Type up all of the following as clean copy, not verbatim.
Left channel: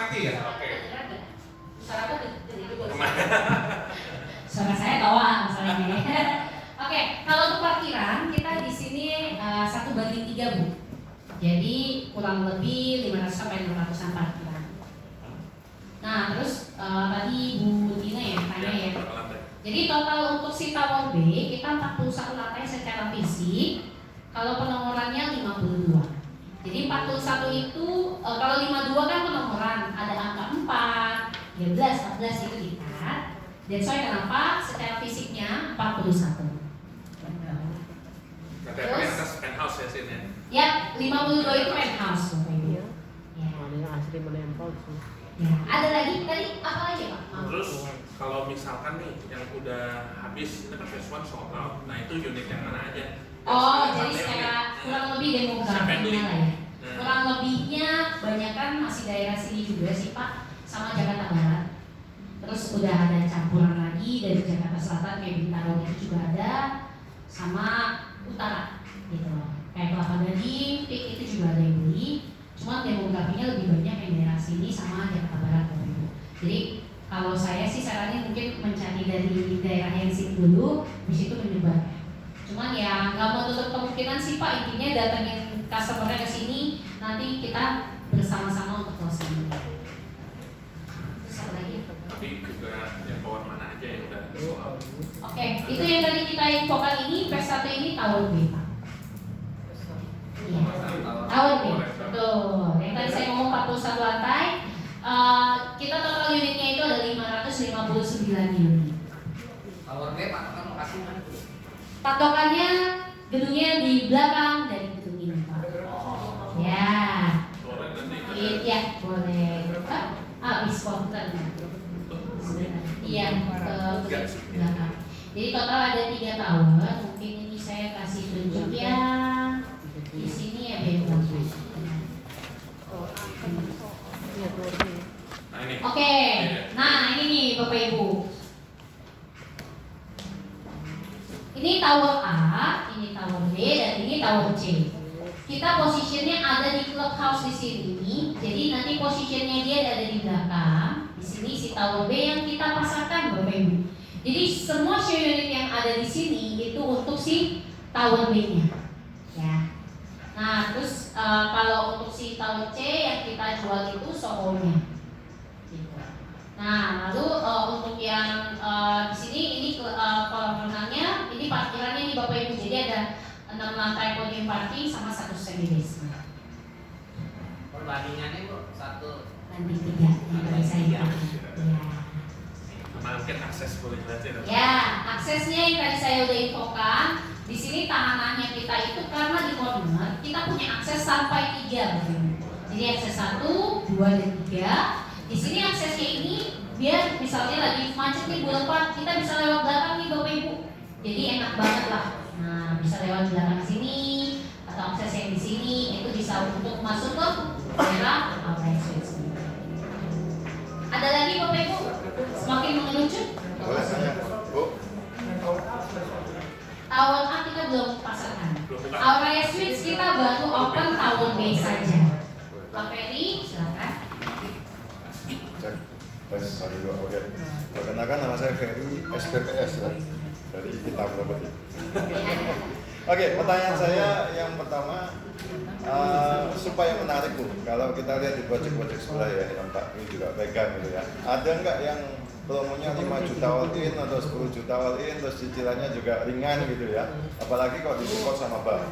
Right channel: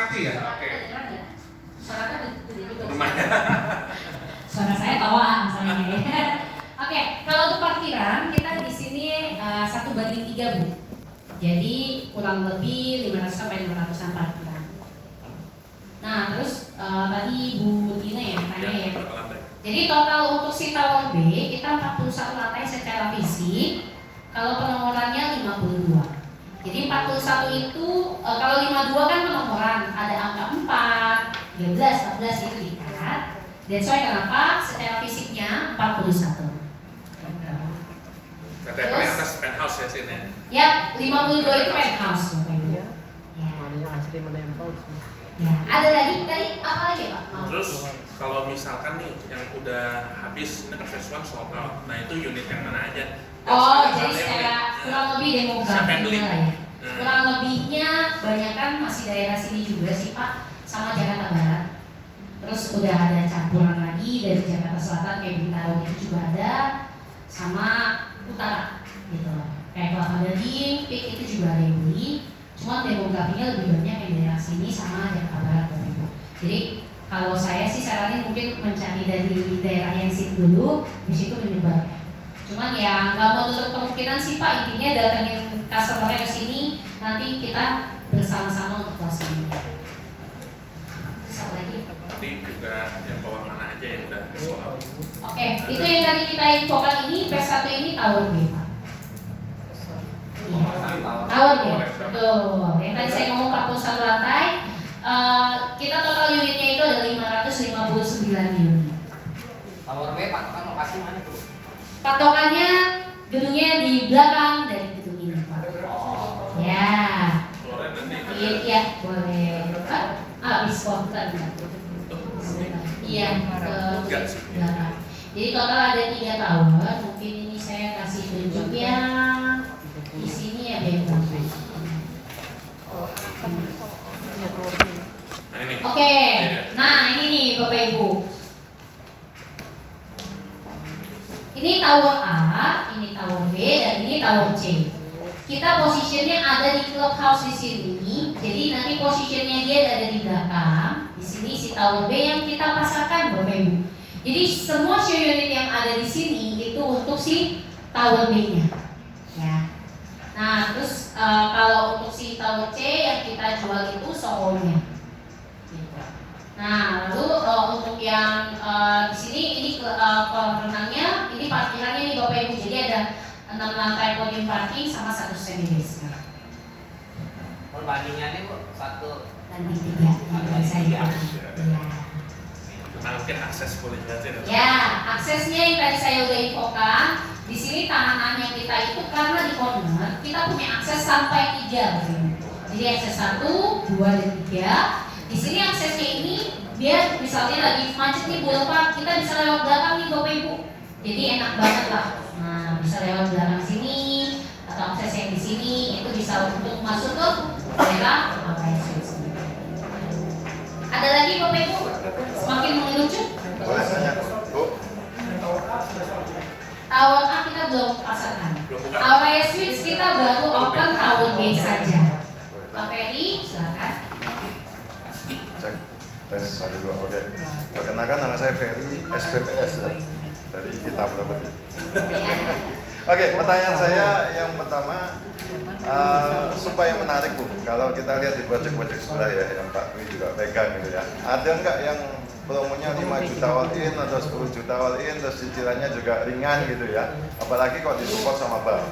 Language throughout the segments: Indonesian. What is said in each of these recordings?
mati ya? Oke. Suara gede juga. Lumayan. Suara saya tawa misalnya ini. Oke, kalau untuk parkiran kita di sini 1:3 Bu. Jadi kurang lebih 500 sampai 500-an parkiran. Nah, terus tadi Bu Dina ya tanya ya. Jadi total untuk si tower B kita 41 lantai secara fisik. Kalau penomorannya 52. Jadi 41 itu kalau 52 kan penomoran ada angka 4, 13, 14 itu dikat. Dan soalnya kenapa? Secara fisiknya 41. Katanya paling atas penthouse ya sini. Ya, 52 itu penthouse Bapak Ibu. Iya. Warnanya asli menempel sih. Ya, ada lagi tadi apa lagi Pak? Terus kalau misalkan nih yang udah habis, ini kan phase 1 sold out. Nah itu unit yang mana aja? Oh, jadi secara kurang lebih Siapa yang beli? demografinya lah ya. Kurang lebihnya banyak kan masih daerah sini juga sih Pak, sama Jakarta Barat. Terus udah ada campuran lagi dari Jakarta Selatan kayak Bintaro itu juga ada, sama Utara gitu loh. Kayak Kelapa Gading, Pik itu juga ada yang beli. Cuma demografinya lebih banyak yang daerah sini sama Jakarta Barat Bapak Ibu. Jadi kalau saya sih saranin mungkin mencari dari daerah yang sini dulu, habis itu menyebar. Cuman ya nggak mau tutup kemungkinan sih Pak, intinya datangin customer ke sini, nanti kita bersama-sama untuk closing. Terus apa lagi? Tapi juga yang tower mana aja yang udah sold out. Oke, itu yang tadi kita infokan ini, P1 ini tower B Pak. Iya, tower B, betul. Yang tadi saya ngomong 41 lantai, kita total unitnya itu ada 559 unit. Tower B patokan lokasi mana tuh? Patokannya gedungnya di belakang dari gedung ini Pak. Ya, iya boleh. Habis konten. Iya, ke belakang. Jadi total ada 3 tower. Mungkin ini saya kasih tunjuk yang di sini ya bebas. Oke, nah ini nih Bapak Ibu. Ini tower A, ini tower B, dan ini tower C. Kita posisinya ada di clubhouse di sini. Jadi nanti posisinya dia ada di belakang. Di sini si tower B yang kita pasarkan Bapak Ibu. Jadi semua show unit yang ada di sini itu untuk si tower B-nya. Ya. Nah, terus kalau untuk si tower C yang kita jual itu Soho-nya. Gitu. Nah, lalu untuk yang di sini ini kolam renangnya, ini parkirannya nih Bapak Ibu. Jadi ada 6 lantai podium parking sama 1 semi basement. Perbandingannya Bu, 1 Lantai 3 di saya. Nah, mungkin akses boleh jelasin. Ya, aksesnya yang tadi saya udah infokan. Di sini tahanannya kita itu karena di corner kita punya akses sampai 3 Bapak Ibu. Jadi akses 1, 2, dan 3. Di sini aksesnya ini biar misalnya lagi macet nih Bu Pak, kita bisa lewat belakang nih Bapak Ibu. Jadi enak banget lah. Nah, bisa lewat belakang sini atau akses yang di sini itu bisa untuk masuk ke daerah akses. Ada lagi Bapak Ibu? Semakin mengerucut. Boleh tanya, Bu? Tower A kita belum pasarkan. Aurea Suites kita baru open tower B saja. Pak Ferry, silakan. Tes 1, 2, oke. Perkenalkan nama saya Ferry, SPPS ya, dari Kita Property. Oke, pertanyaan saya yang pertama, supaya menarik Bu, kalau kita lihat di project-project sebelah ya, yang Pak Dwi juga pegang gitu ya, ada nggak yang promonya 5 juta all in atau 10 juta all in, terus cicilannya juga ringan gitu ya, apalagi kalau disupport sama bank,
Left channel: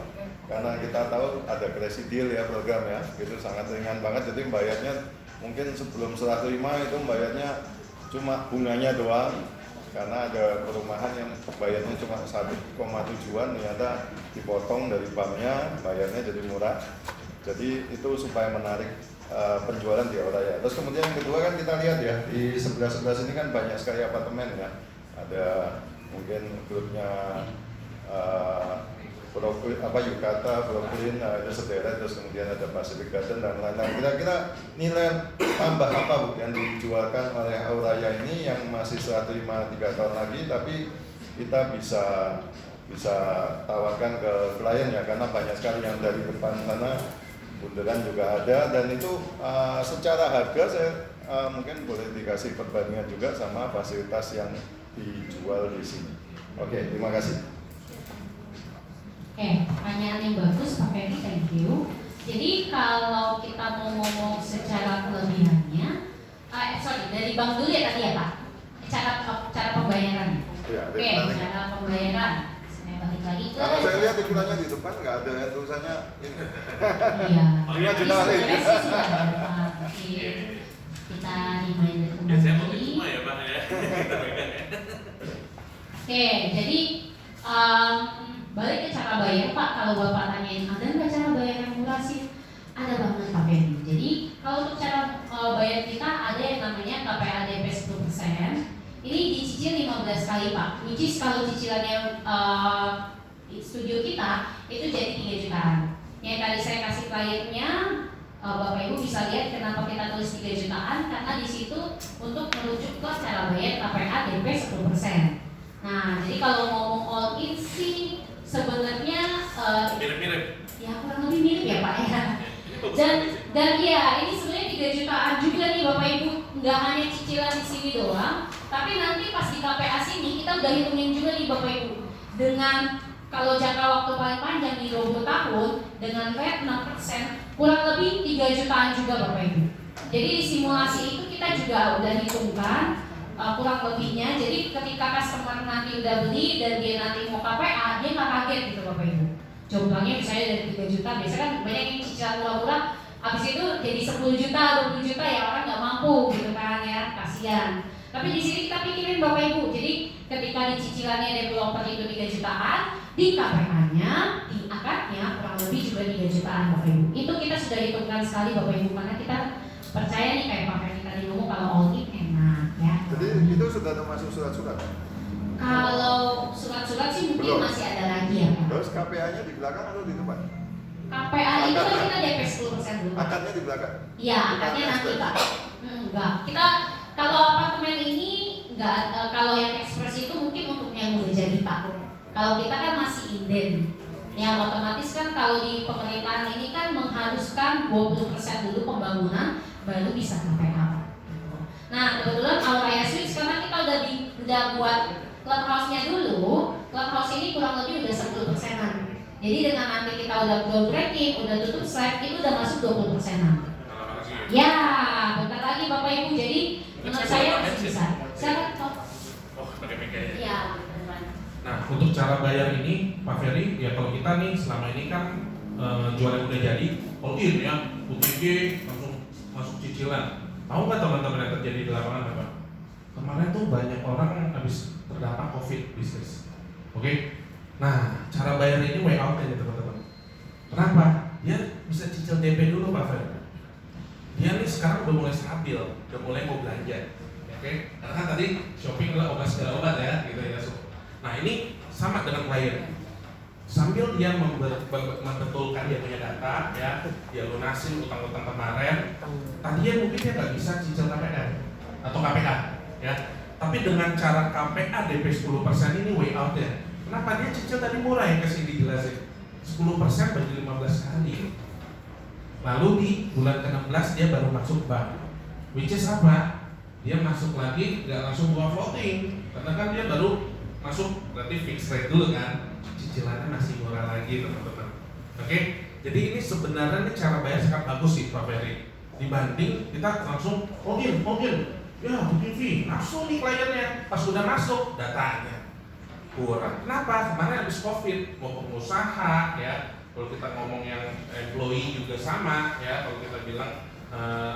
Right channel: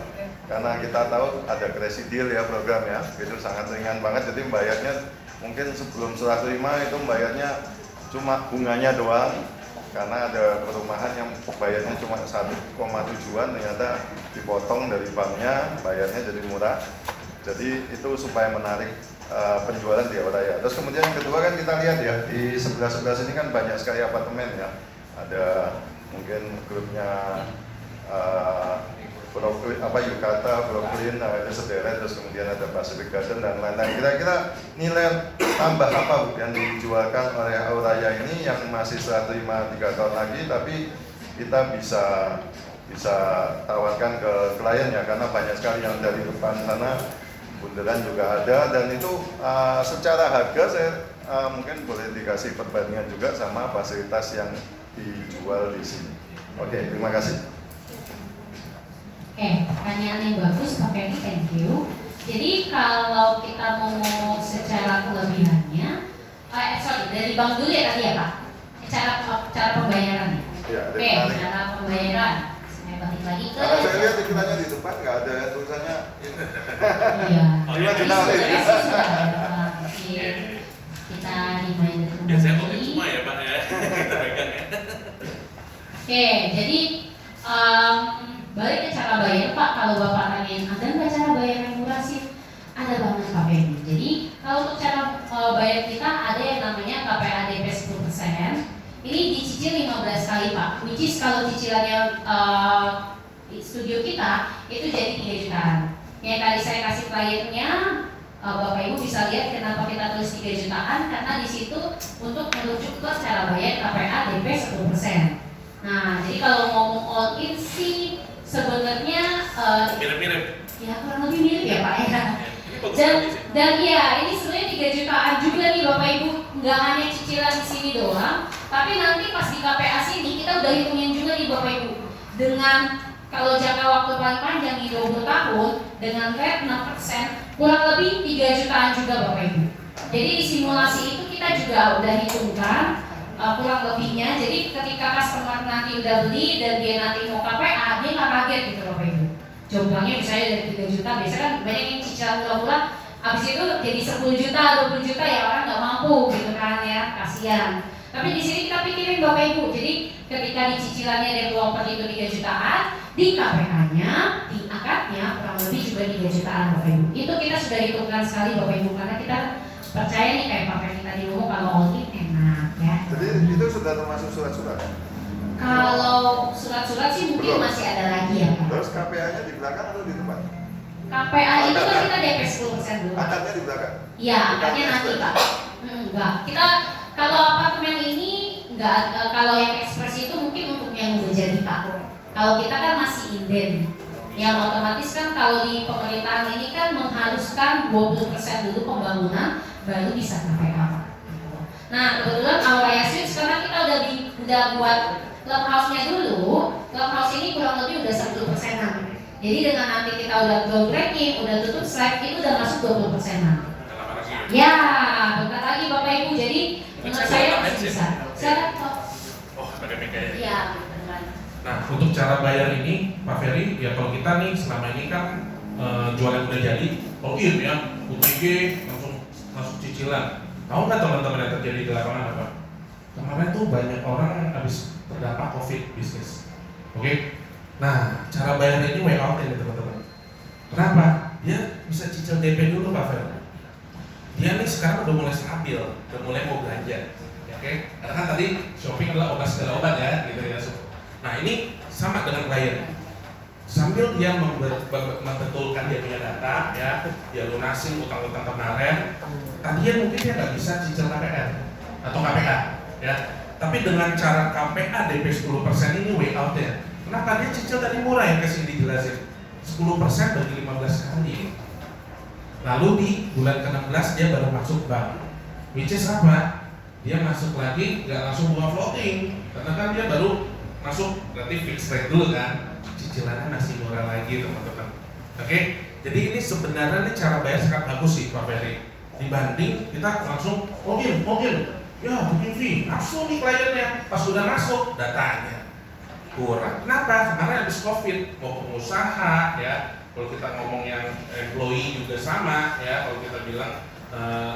karena kita tahu ada crazy deal ya program ya, itu sangat ringan banget, jadi bayarnya mungkin sebelum serah terima itu bayarnya cuma bunganya doang, karena ada perumahan yang bayarnya cuma 1,7an ternyata dipotong dari banknya, bayarnya jadi murah. Jadi itu supaya menarik penjualan di Aurea. Terus kemudian yang kedua kan kita lihat ya di sebelah-sebelah sini kan banyak sekali apartemen ya. Ada mungkin grupnya Brooklyn, Yukata, Brooklyn, itu sederet, terus kemudian ada Pacific Garden dan lain-lain. Kira-kira nilai tambah apa Bu yang dijualkan oleh Aurea ini yang masih serah terima 3 tahun lagi, tapi kita bisa tawarkan ke klien ya, karena banyak sekali yang dari depan sana bunderan juga ada, dan itu secara harga saya mungkin boleh dikasih perbandingan juga sama fasilitas yang dijual di sini. Oke, terima kasih. Oke, pertanyaan yang bagus Pak Ferry, thank you. Jadi kalau kita mau ngomong secara kelebihannya, dari bank dulu ya tadi ya Pak, cara pembayarannya. Ya, ada Oke, yang menarik. cara pembayaran. Saya balik lagi ke. Karena saya lihat iklannya di depan nggak ada tulisannya ini. Iya. Oh, iya, Jadi jelas. sebenarnya sih sudah ada, Pak. Tapi kita reminder Biasanya kembali. mungkin semua ya Pak ya. Kita pegang ya. Oke, jadi balik ke cara bayar Pak. Kalau Bapak tanyain ada nggak cara bayar yang murah sih? Ada banget Pak Ferry. Jadi kalau untuk cara bayar kita ada yang namanya KPA DP 10%. Ini dicicil 15 kali Pak. Which is kalau cicilannya di studio kita itu jadi 3 jutaan. Yang tadi saya kasih kliennya, Bapak Ibu bisa lihat kenapa kita tulis 3 jutaan, karena di situ untuk merujuk ke cara bayar KPA DP 10%. Nah, jadi kalau ngomong all in sih sebenarnya Mirip-mirip. ya kurang lebih mirip ya Pak ya. Ini bagus Dan sekali sih. dan ya ini sebenarnya 3 jutaan juga nih Bapak Ibu, nggak hanya cicilan di sini doang, tapi nanti pas di KPA sini kita udah hitungin juga nih Bapak Ibu dengan kalau jangka waktu paling panjang di 20 tahun dengan rate 6%, kurang lebih 3 jutaan juga Bapak Ibu. Jadi di simulasi itu kita juga udah hitungkan kurang lebihnya. Jadi ketika customer nanti udah beli dan dia nanti mau KPA, dia nggak kaget gitu Bapak Ibu. Contohnya misalnya dari 3 juta, biasanya kan banyak yang cicilan murah-murah, habis itu jadi 10 juta, 20 juta ya orang nggak mampu gitu kan ya, kasihan. Tapi di sini kita pikirin Bapak Ibu, jadi ketika di cicilannya dari properti itu 3 jutaan, di KPA-nya, di akadnya kurang lebih juga 3 jutaan Bapak Ibu. Itu kita sudah hitungkan sekali Bapak Ibu, karena kita percaya nih kayak Pak Ferry tadi ngomong kalau all in enak ya. Jadi itu sudah termasuk surat-surat kan? Kalau surat-surat sih mungkin Belum. masih ada lagi ya Pak. Terus KPA-nya di belakang atau di depan? KPA itu kan Akadnya? kita DP 10% dulu. Akadnya di belakang? Iya, Bukan akadnya nanti ekspres. Pak. Enggak. Kita kalau apartemen ini enggak, kalau yang ekspres itu mungkin untuk yang udah jadi Pak. Kalau kita kan masih inden. Yang otomatis kan kalau di pemerintahan ini kan mengharuskan 20% dulu pembangunan baru bisa KPA Pak. Nah, kebetulan Aurea Suites karena kita udah buat clubhouse-nya dulu. Clubhouse ini kurang lebih udah 10%-an. Jadi dengan nanti kita udah groundbreaking, udah tutup slide, itu udah masuk 20%-an. Lama lagi ya. Ya, bentar lagi Bapak Ibu. Jadi menurut saya masih bisa. Saya Oh, pakai meja ya. Iya, beneran. Nah, untuk cara bayar ini, Pak Ferry, ya kalau kita nih selama ini kan jual yang udah jadi, all in ya, UTG langsung masuk cicilan. Tahu nggak teman-teman yang terjadi di lapangan apa? Kemarin tuh banyak orang habis terdampak COVID bisnis. Oke? Nah, cara bayar ini way out ya teman-teman. Kenapa? Dia bisa cicil DP dulu Pak Ferry. Dia nih sekarang udah mulai stabil, udah mulai mau belanja. Oke? Karena kan tadi shopping adalah obat segala obat ya, gitu ya. Nah ini sama dengan klien. Sambil dia membetulkan dia punya data, ya, dia lunasin utang-utang kemarin. Tadinya mungkin dia nggak bisa cicil KPR atau KPA, ya. Tapi dengan cara KPA DP 10% ini way out ya. Kenapa dia cicil tadi murah yang kasih dijelasin? 10% bagi 15 kali. Lalu di bulan ke-16 dia baru masuk bank. Which is apa? Dia masuk lagi nggak langsung buka floating, karena kan dia baru masuk berarti fixed rate dulu kan, cicilannya masih murah lagi teman-teman. Oke, jadi ini sebenarnya ini cara bayar sangat bagus sih Pak Ferry, dibanding kita langsung all-in, ya booking fee, langsung nih kliennya pas sudah masuk datanya kurang. Kenapa? Kemarin habis COVID mau pengusaha ya, kalau kita ngomong yang employee juga sama ya, kalau kita bilang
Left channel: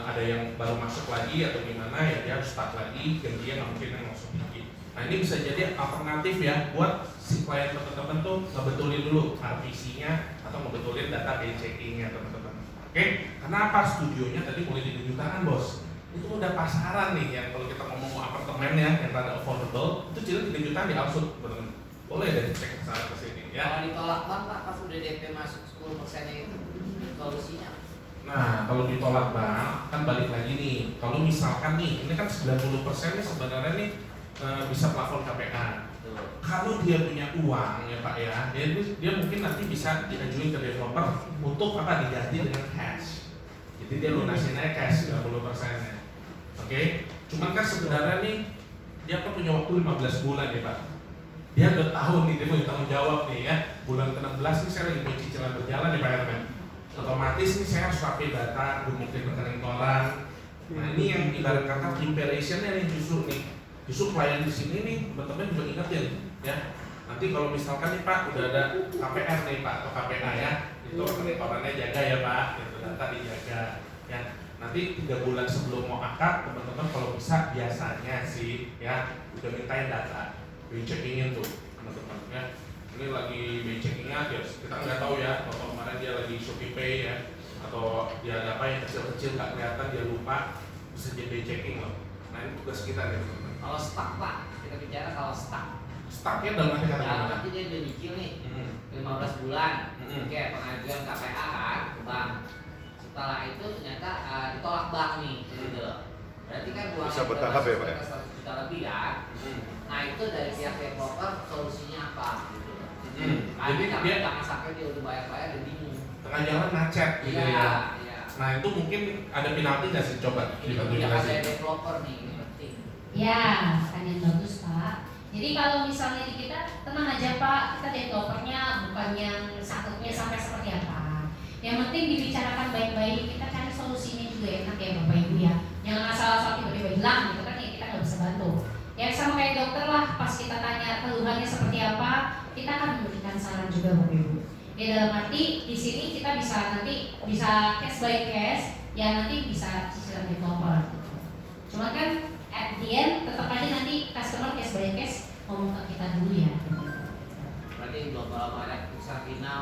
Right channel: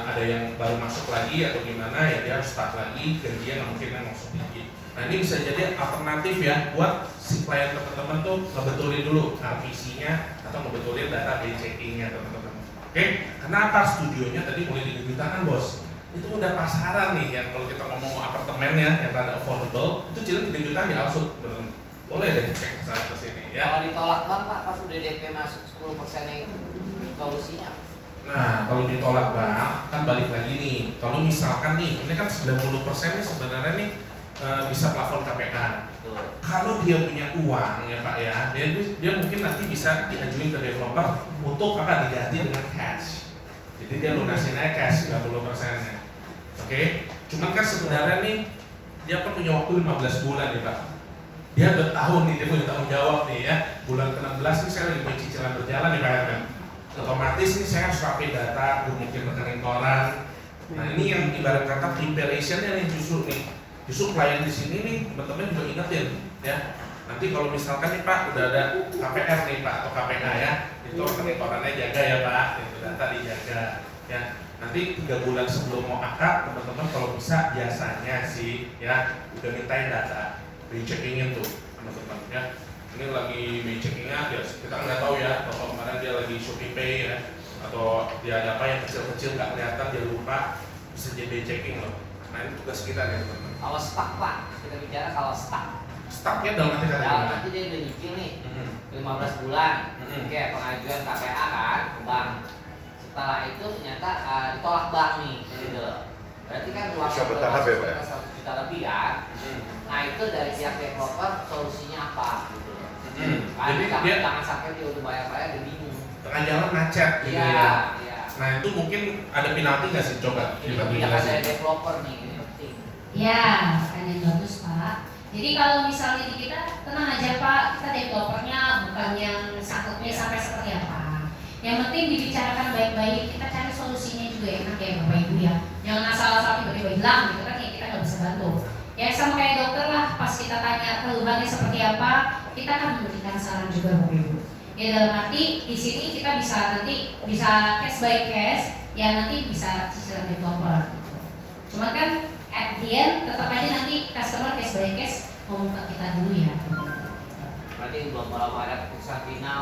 ada yang baru masuk lagi atau gimana ya dia harus start lagi, gajian mungkin yang masuk sedikit. Nah ini bisa jadi alternatif ya buat si klien teman-teman tuh ngebetulin dulu RPC-nya atau ngebetulin data BCI-nya teman-teman. Oke, kenapa studionya tadi mulai 3 jutaan bos? Itu udah pasaran nih ya, kalau kita ngomong apartemennya yang rada affordable itu jadi 3 jutaan di outsource teman-teman. Boleh deh cek sana ke sini ya. Kalau ditolak bank Pak, pas udah DP masuk 10%-nya itu solusinya. Nah, kalau ditolak bank, kan balik lagi nih. Kalau misalkan nih, ini kan 90% nih sebenarnya nih bisa plafon KPA. Betul. Kalau dia punya uang ya Pak ya, dia mungkin nanti bisa diajuin ke developer untuk apa diganti dengan cash. Jadi dia lunasin aja cash 30%-nya. Oke, cuman kan sebenarnya nih dia kan punya waktu 15 bulan nih Pak. Dia udah tahun nih, dia punya tanggung jawab nih ya. Bulan ke-16 nih saya lagi punya cicilan berjalan nih Pak kan. Otomatis nih saya harus pakai data, mungkin rekening koran. Nah ini yang ibarat kata preparation-nya nih justru nih. Justru klien di sini nih teman-teman juga ingetin ya. Nanti kalau misalkan nih Pak udah ada KPR nih Pak atau KPK ya, itu rekening korannya jaga ya Pak, itu data dijaga ya. Nanti 3 bulan sebelum mau akad teman-teman kalau bisa biasanya sih ya udah mintain data, recheckingin tuh teman-teman ya. Ini lagi recheckingnya ya kita nggak tahu ya, kalau kemarin dia lagi Shopee Pay ya, atau dia ada apa yang kecil-kecil nggak kelihatan dia lupa, bisa jadi checking loh. Nah ini tugas kita ya teman-teman. Kalau stuck Pak, kita bicara kalau stuck. Stucknya dalam arti kata Dalam gimana? arti dia udah nyicil nih, Mhm. 15 bulan. Mhm. Oke, pengajuan KPA kan ke bank. Setelah itu ternyata ditolak bank nih, gitu. Berarti kan Bisa bertahap ya, Pak ya? 100 juta lebih kan. Mhm. Nah itu dari pihak developer solusinya apa gitu. Mhm. Jadi dia Jangan sampai dia udah bayar dia bingung. tengah jalan macet gitu Iya, ya. iya. Nah itu mungkin ada penalti nggak sih coba Ini dibantu kebijakan dari jelasin? developer nih, ini penting. Ya, pertanyaan bagus Pak. Jadi kalau misalnya di kita tenang aja Pak, kita developernya bukan yang sakitnya sampai seperti apa. Yang penting dibicarakan baik-baik, kita cari solusinya juga enak ya Bapak Ibu ya. Jangan asal-asal tiba-tiba hilang gitu kan ya kita nggak bisa bantu. Ya sama kayak dokter lah, pas kita tanya keluhannya seperti apa, kita akan memberikan saran juga Bapak Ibu. Ya dalam arti di sini kita bisa nanti bisa case by case, ya nanti bisa cicilan developer. Gitu. Cuman kan at the end tetap aja nanti customer case by case ngomong ke kita dulu ya. Berarti belum ada keputusan final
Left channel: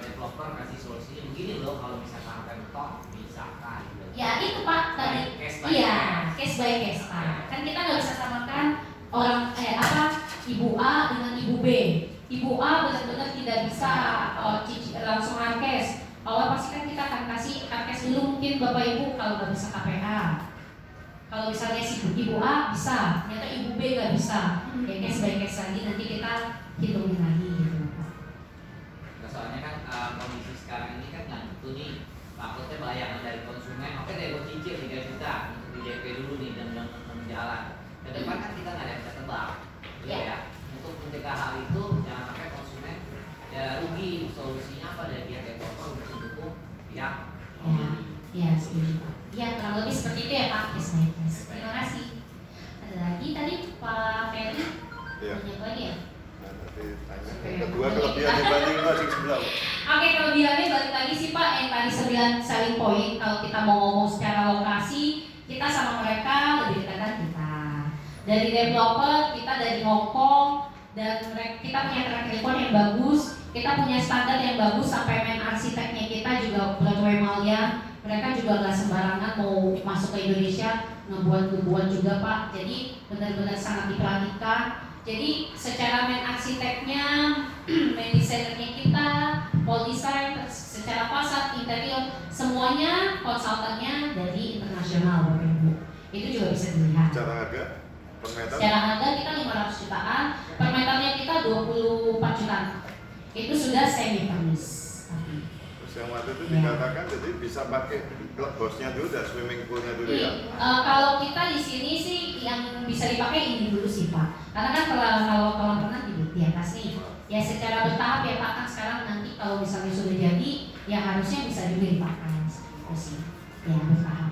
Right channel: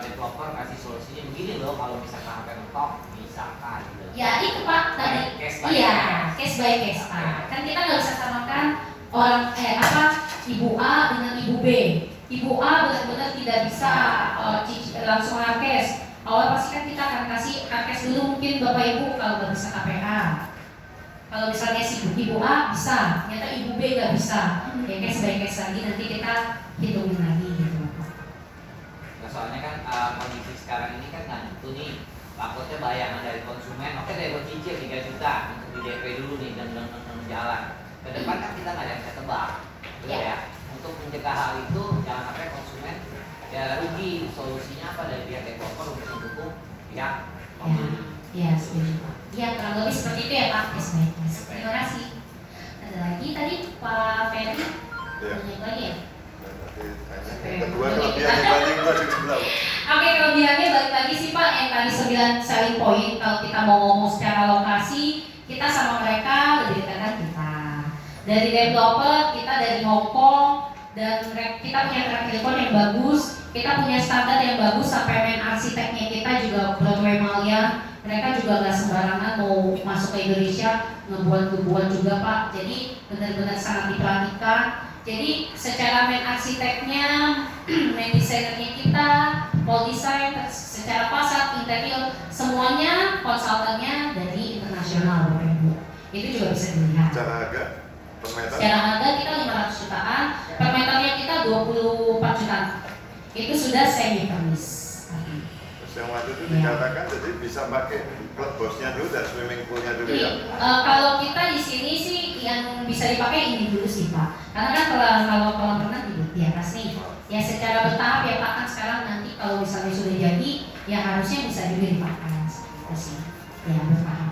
developer kasih solusinya begini loh kalau misalkan sampai mentok misalkan. Ya itu Pak tadi. Case by Iya, case. case by case Pak. Kan kita nggak bisa samakan orang ibu A dengan ibu B. Ibu A benar-benar tidak bisa langsung cash. Awal pasti kan kita akan kasih cash dulu mungkin Bapak Ibu kalau nggak bisa KPA. Kalau misalnya si ibu A bisa, ternyata ibu B nggak bisa. Ya case by case lagi nanti kita hitungin lagi gitu Pak. Nah, soalnya kan kondisi sekarang ini kan nggak gitu nih. Takutnya bayangan dari konsumen, oke dari cicil 3 juta untuk di DP dulu nih dan jalan. Ke depan kan kita nggak ada yang bisa tebak, gitu ya. Untuk mencegah hal itu jangan sampai konsumen ya rugi. Solusinya apa dari pihak developer untuk mendukung pihak pembeli. Ya, setuju Pak. Ya, kurang lebih seperti itu ya Pak. Case by case. Terima kasih. Ada lagi tadi Pak Ferry? Iya. Banyak lagi ya? Ya, nanti tanya. Yang kedua kelebihan dibanding project sebelah. Pak. Oke, kelebihannya balik lagi sih Pak, yang tadi 9 selling point. Kalau kita mau ngomong secara lokasi, kita sama mereka lebih dekat kan kita. Dari developer, kita dari Hong Kong, dan kita punya track record yang bagus, kita punya standar yang bagus, sampai main arsiteknya kita juga Broadway Malia. Mereka juga nggak sembarangan mau masuk ke Indonesia, ngebuat juga Pak. Jadi benar-benar sangat diperhatikan. Jadi secara main arsiteknya, main desainernya kita, wall design, secara fasad, interior, semuanya konsultannya dari internasional Bapak Ibu. Itu juga bisa dilihat. Secara harga per meter. Secara harga kita 500 jutaan, per meternya kita 24 jutaan. Itu sudah semi furnished. Terus yang waktu itu dikatakan jadi bisa pakai klub bosnya dulu dan swimming poolnya dulu ya. Kalau kita di sini sih yang bisa dipakai ini dulu sih Pak. Karena kan kalau kolam renang di atas nih. Ya secara bertahap ya Pak, kan sekarang nanti kalau misalnya sudah jadi, ya harusnya bisa juga dipakai. Itu sih. Ya bertahap.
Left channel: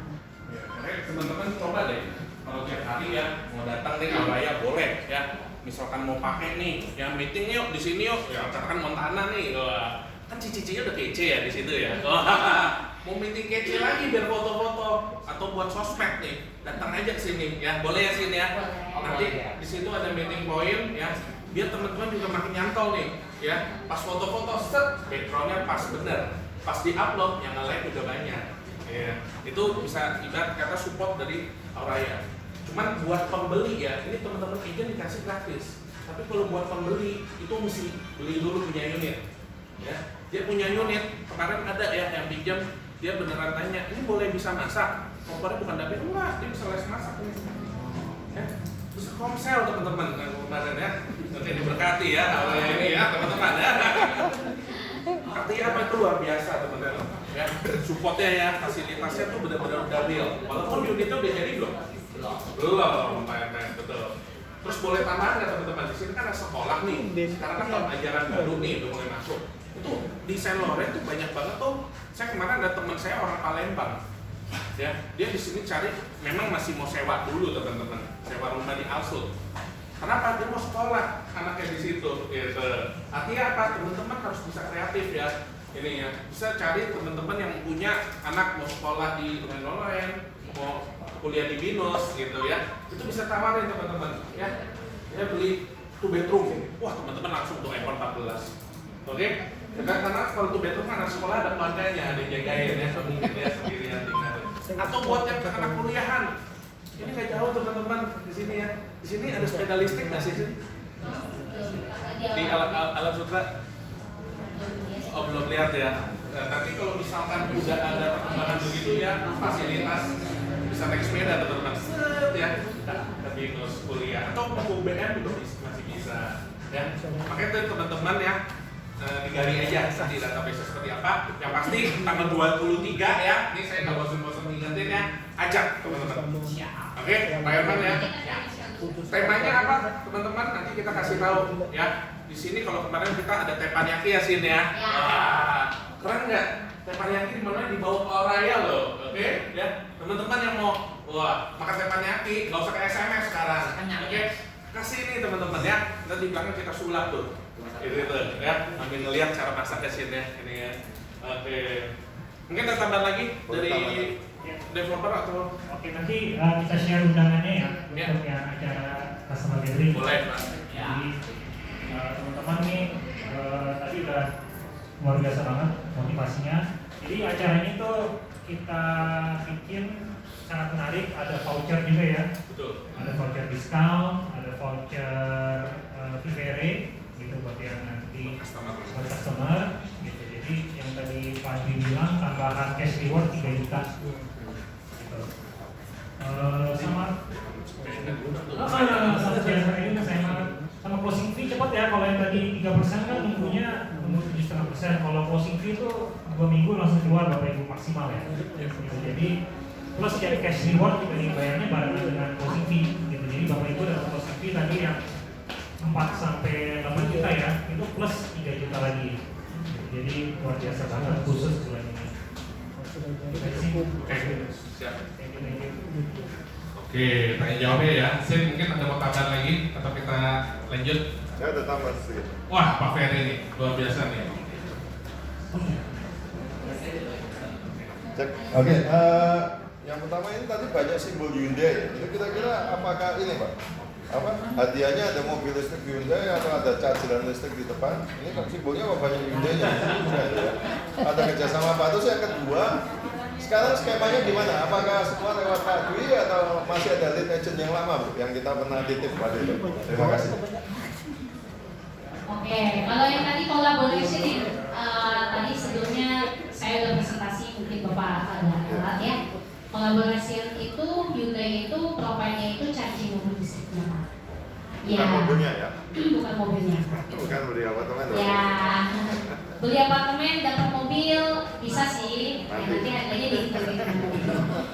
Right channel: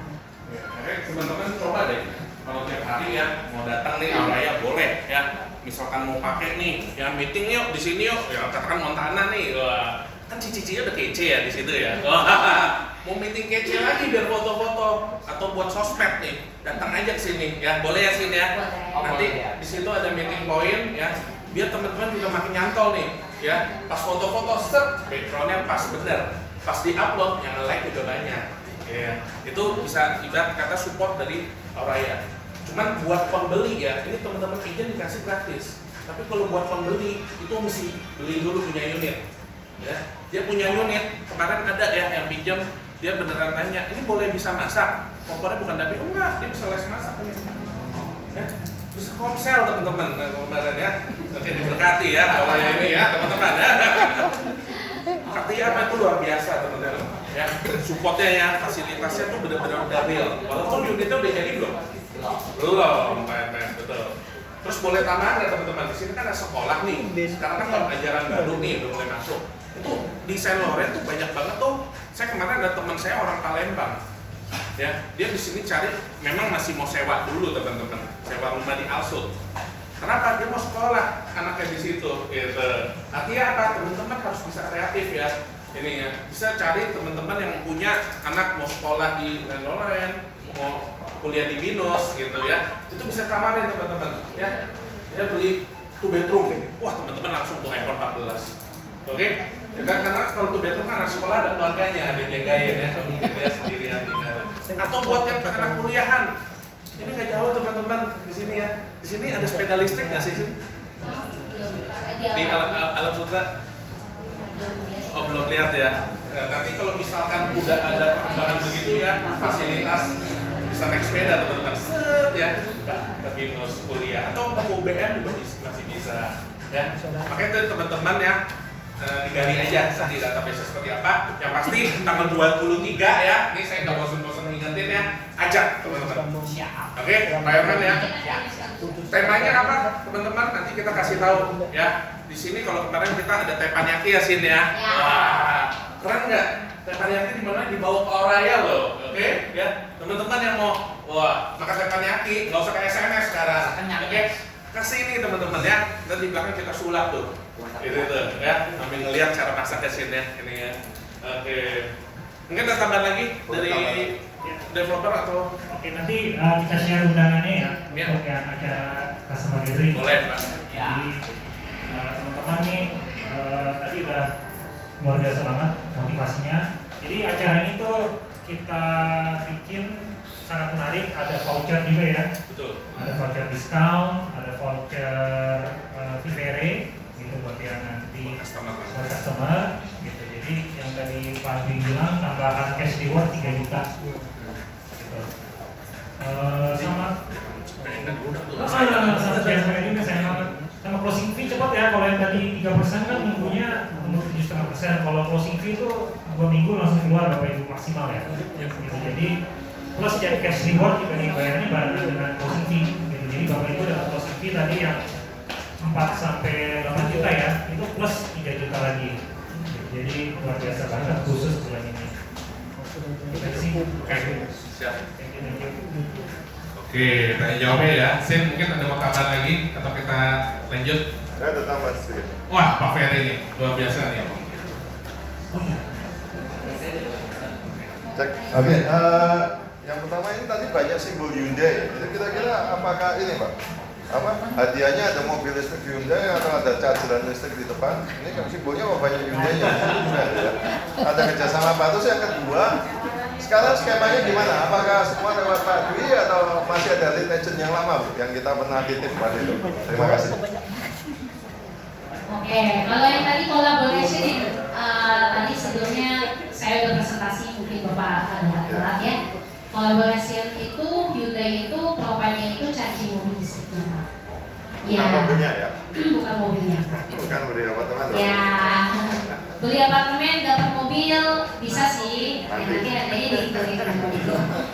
Ya, teman-teman coba deh. Kalau tiap hari ya mau datang nih Auraya boleh ya. Misalkan mau pakai nih, ya meeting yuk di sini yuk. Ya katakan Montana nih. Wah, kan cici-cici udah kece ya di situ ya. Mau meeting kece lagi biar foto-foto atau buat sosmed nih, datang aja ke sini ya, boleh ya sini ya. Nanti di situ ada meeting point ya, biar teman-teman juga makin nyantol nih ya. Pas foto-foto set, backgroundnya pas bener, pas di upload yang nge-like juga banyak. Ya, itu bisa ibarat kata support dari Auraya. Cuman buat pembeli ya, ini teman-teman izin dikasih gratis. Tapi kalau buat pembeli itu mesti beli dulu punya unit. Ya, dia punya unit. Kemarin ada ya yang pinjam, dia beneran tanya, ini boleh bisa masak? Kompornya bukan dari enggak, dia bisa les masak. Ya. bisa komsel teman-teman kemarin ya. Nanti diberkati ya oleh ini ya teman-teman ya. Artinya apa itu luar biasa teman-teman ya. Supportnya ya, fasilitasnya tuh benar-benar udah real. Walaupun unitnya udah jadi belum? Belum, betul. Terus boleh tambahan ya teman-teman, di sini kan ada sekolah nih. Sekarang kan tahun ajaran baru nih udah mulai masuk. Itu di Saint Laurent tuh banyak banget tuh. Saya kemarin ada teman saya orang Palembang. Ya, dia di sini cari memang masih mau sewa dulu teman-teman. Sewa rumah di Alsut. Kenapa? Dia mau sekolah anaknya di situ gitu. Artinya apa? Teman-teman harus bisa kreatif ya. Ini ya, bisa cari teman-teman yang punya anak mau sekolah di Saint Laurent, mau kuliah di Binus gitu ya, itu bisa tawarin teman-teman ya. Dia beli 2 bedroom, wah teman-teman langsung tuh iPhone 14, oke? Ya kan, karena kalau 2 bedroom kan anak sekolah ada keluarganya, ada yang jagain ya, kalau dia sendirian tinggal. Atau buat yang anak kuliahan, ini nggak jauh teman-teman di sini ya. Di sini ada sepeda listrik nggak sih? Di Alam Sutra? Oh belum lihat ya. Nah, nanti kalau misalkan udah ada perkembangan begitu ya, fasilitas bisa naik sepeda teman-teman, set ya, ke Binus kuliah atau ke UBM juga masih bisa ya. Makanya tuh teman-teman ya, digali aja nanti database seperti apa. Yang pasti tanggal 23 ya, ini saya nggak bosan-bosan ngingetin ya, ajak teman-teman. Oke, Pak Herman ya. Temanya apa teman-teman? Nanti kita kasih tahu ya. Di sini kalau kemarin kita ada teppanyaki ya Sin ya. Wah, keren nggak? Teppanyaki di mana? Di bawah Oraya loh, oke? Ya, teman-teman yang mau, wah, makan teppanyaki, nggak usah ke SMS sekarang, oke? Kasih ini teman-teman ya, nanti di belakang kita sulap tuh, gitu ya, sambil ngeliat cara masak ya Sin ya, ini ya, oke. Mungkin ada tambahan lagi dari developer atau? Oke, nanti kita share undangannya ya, untuk yang acara customer gathering. Boleh, Mas. Jadi teman-teman nih tadi udah luar biasa banget motivasinya. Jadi acara ini tuh kita bikin sangat menarik. Ada voucher juga ya. Betul. Ada voucher diskon, ada voucher Vivere gitu buat yang nanti buat customer gitu. Jadi yang tadi Pak Alvin bilang tambahan cash reward 3 juta gitu. Sama closing fee cepat ya. Kalau yang tadi 3% kan nunggunya 7,5%. Kalau closing fee itu 2 minggu langsung keluar Bapak Ibu maksimal ya. Gitu. Jadi plus jadi cash reward kita dibayarnya barengan dengan closing fee. Gitu. Jadi Bapak Ibu dapat closing fee tadi yang 4 sampai 8 juta ya, itu plus 3 juta lagi. Jadi luar biasa banget khusus bulan ini. Terima kasih. Siap. Thank you. Oke, tanya jawabnya ya. Sin mungkin ada mau tambahan lagi atau kita lanjut? Saya ada tambahan sedikit. Wah, Pak Ferry ini luar biasa nih. Cek. Oke, yang pertama ini tadi banyak simbol Hyundai ya. Itu kira-kira apakah ini Pak? Apa hadiahnya ada mobil listrik Hyundai atau ada charger listrik di depan? Ini kan simbolnya apa banyak Hyundai-nya? Ya. Ada kerjasama apa? Terus yang kedua, sekarang skemanya gimana? Apakah semua lewat Pak Dwi atau masih ada lead agent yang lama Bu? Yang kita pernah titip pada itu? Terima kasih. Oke, kalau yang tadi kolaborasi tadi sebelumnya saya udah presentasi mungkin Bapak lihat ya. Kolaborasi itu Hyundai itu profilnya itu charging mobil listriknya Pak. Bukan mobilnya ya? Bukan mobilnya. Bukan beli apartemen. Ya, beli apartemen dapat mobil bisa sih. Nanti harganya dihitung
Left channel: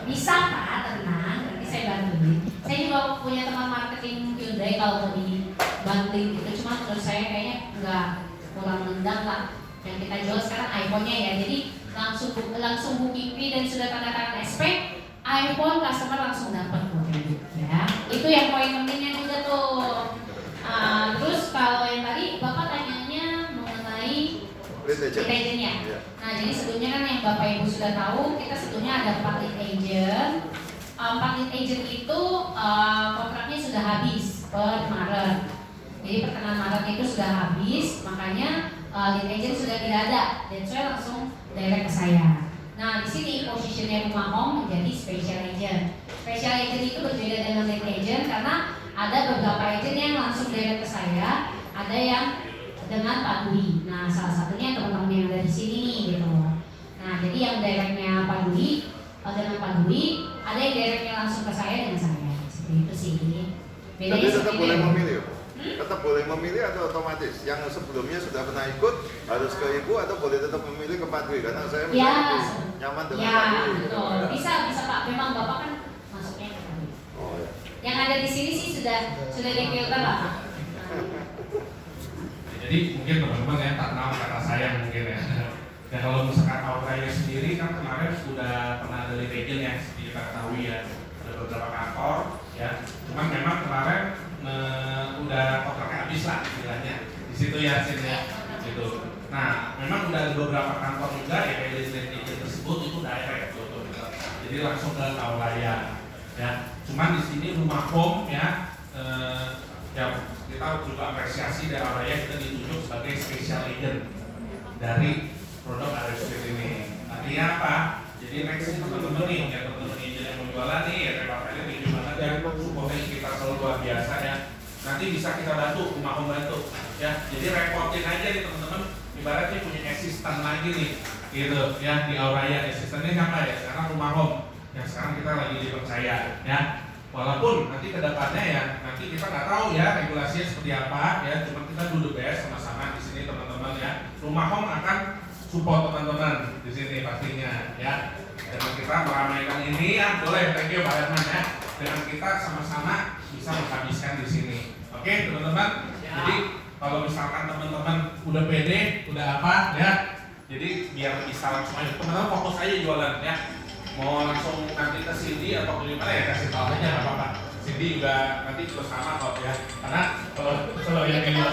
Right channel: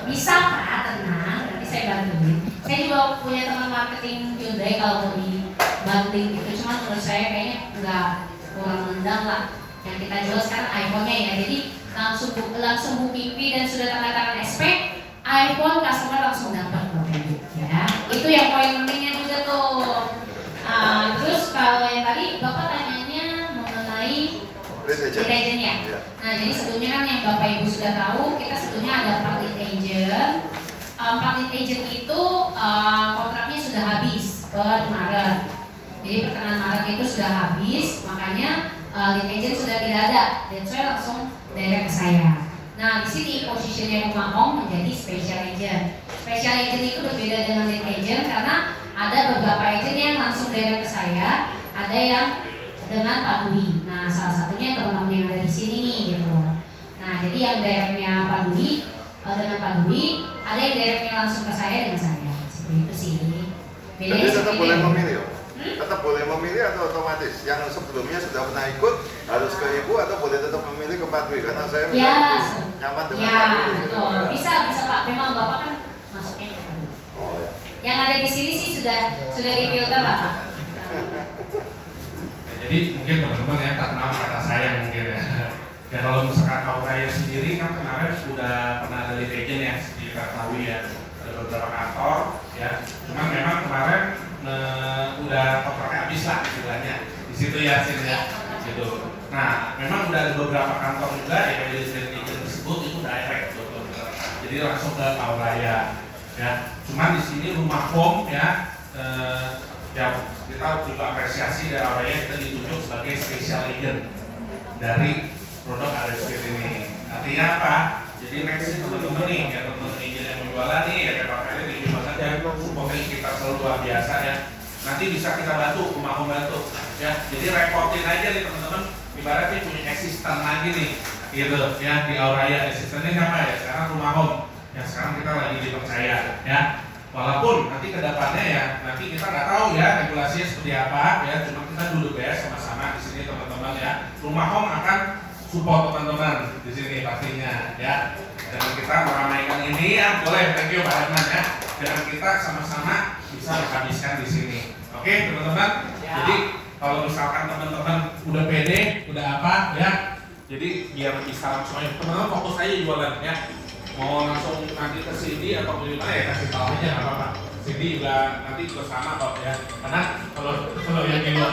bisa Pak, tenang. Nanti saya bantuin. Saya juga punya teman marketing Hyundai kalau mau dibanting gitu. Cuma menurut saya kayaknya nggak kurang nendang lah. Yang kita jual sekarang iPhone-nya ya. Jadi langsung booking fee dan sudah tanda tangan spek, iPhone customer langsung dapat ya. Itu yang poin pentingnya juga tuh. Terus kalau yang tadi Bapak tanyanya mengenai lead agent-nya. Nah, jadi sebelumnya kan yang Bapak Ibu sudah tahu, kita sebetulnya ada 4 lead agent. 4 lead agent itu kontraknya sudah habis per Maret. Jadi pertengahan Maret itu sudah habis, makanya lead agent sudah tidak ada, dan saya langsung direct ke saya. Nah, di sini posisinya Rumah Om menjadi special agent. Special agent itu berbeda dengan lead agent karena ada beberapa agent yang langsung direct ke saya, ada yang dengan Pak Dwi. Nah, salah satunya teman-teman yang ada di sini nih gitu. Nah, jadi yang directnya Pak Dwi dengan Pak Dwi, ada yang directnya langsung ke saya dengan saya. Seperti itu sih. Jadi tetap boleh memilih. Hmm? Tetap boleh memilih atau otomatis? Yang sebelumnya sudah pernah ikut harus ke ibu atau boleh tetap memilih ke Pak Dwi? Karena saya Ya, lebih nyaman dengan ya, Pak Dwi. Gitu. betul. Bisa Pak. Memang Bapak kan masuknya ke Pak Dwi. Oh ya. Yang ada di sini sih sudah difilter Bapak. Jadi mungkin teman-teman ya karena kata saya mungkin ya. Ya kalau misalkan Auraya sendiri kan kemarin sudah pernah ada legend ya, kita tahu ya ada beberapa kantor ya. Cuman memang kemarin udah kontraknya habis lah istilahnya di situ ya Sin ya gitu. Nah memang udah ada beberapa kantor juga ya kayak legend tersebut itu direct betul. Jadi langsung ke Auraya ya. Cuman di sini rumah home ya. Ya kita juga apresiasi dari Auraya kita ditunjuk sebagai special agent dari produk RSP ini. Artinya apa? Jadi next teman-teman nih, ya teman-teman agent yang menjualan nih, ya PKP ini tinggi banget ya, supportnya kita selalu luar biasa ya. Nanti bisa kita bantu, rumah membantu ya. Jadi reportin aja nih teman-teman, ibaratnya punya asisten lagi nih, gitu ya di Auraya. Asistennya siapa ya? Sekarang rumah home yang sekarang kita lagi dipercaya ya. Walaupun nanti kedepannya ya nanti kita nggak tahu ya regulasinya seperti apa ya, cuma kita dulu ya sama-sama di sini teman-teman ya. Rumah home akan support teman-teman di sini pastinya ya. Dan kita meramaikan ini ya, boleh thank you Pak Herman ya. Dengan kita sama-sama bisa menghabiskan di sini. Oke teman-teman. Jadi kalau misalkan teman-teman udah pede, udah apa ya, jadi biar bisa langsung aja teman-teman fokus aja jualan ya. Mau langsung nanti ke Cindy atau di mana ya kasih tahu aja nggak apa-apa. Cindy juga nanti juga sama kok ya. Karena kalau yang di luar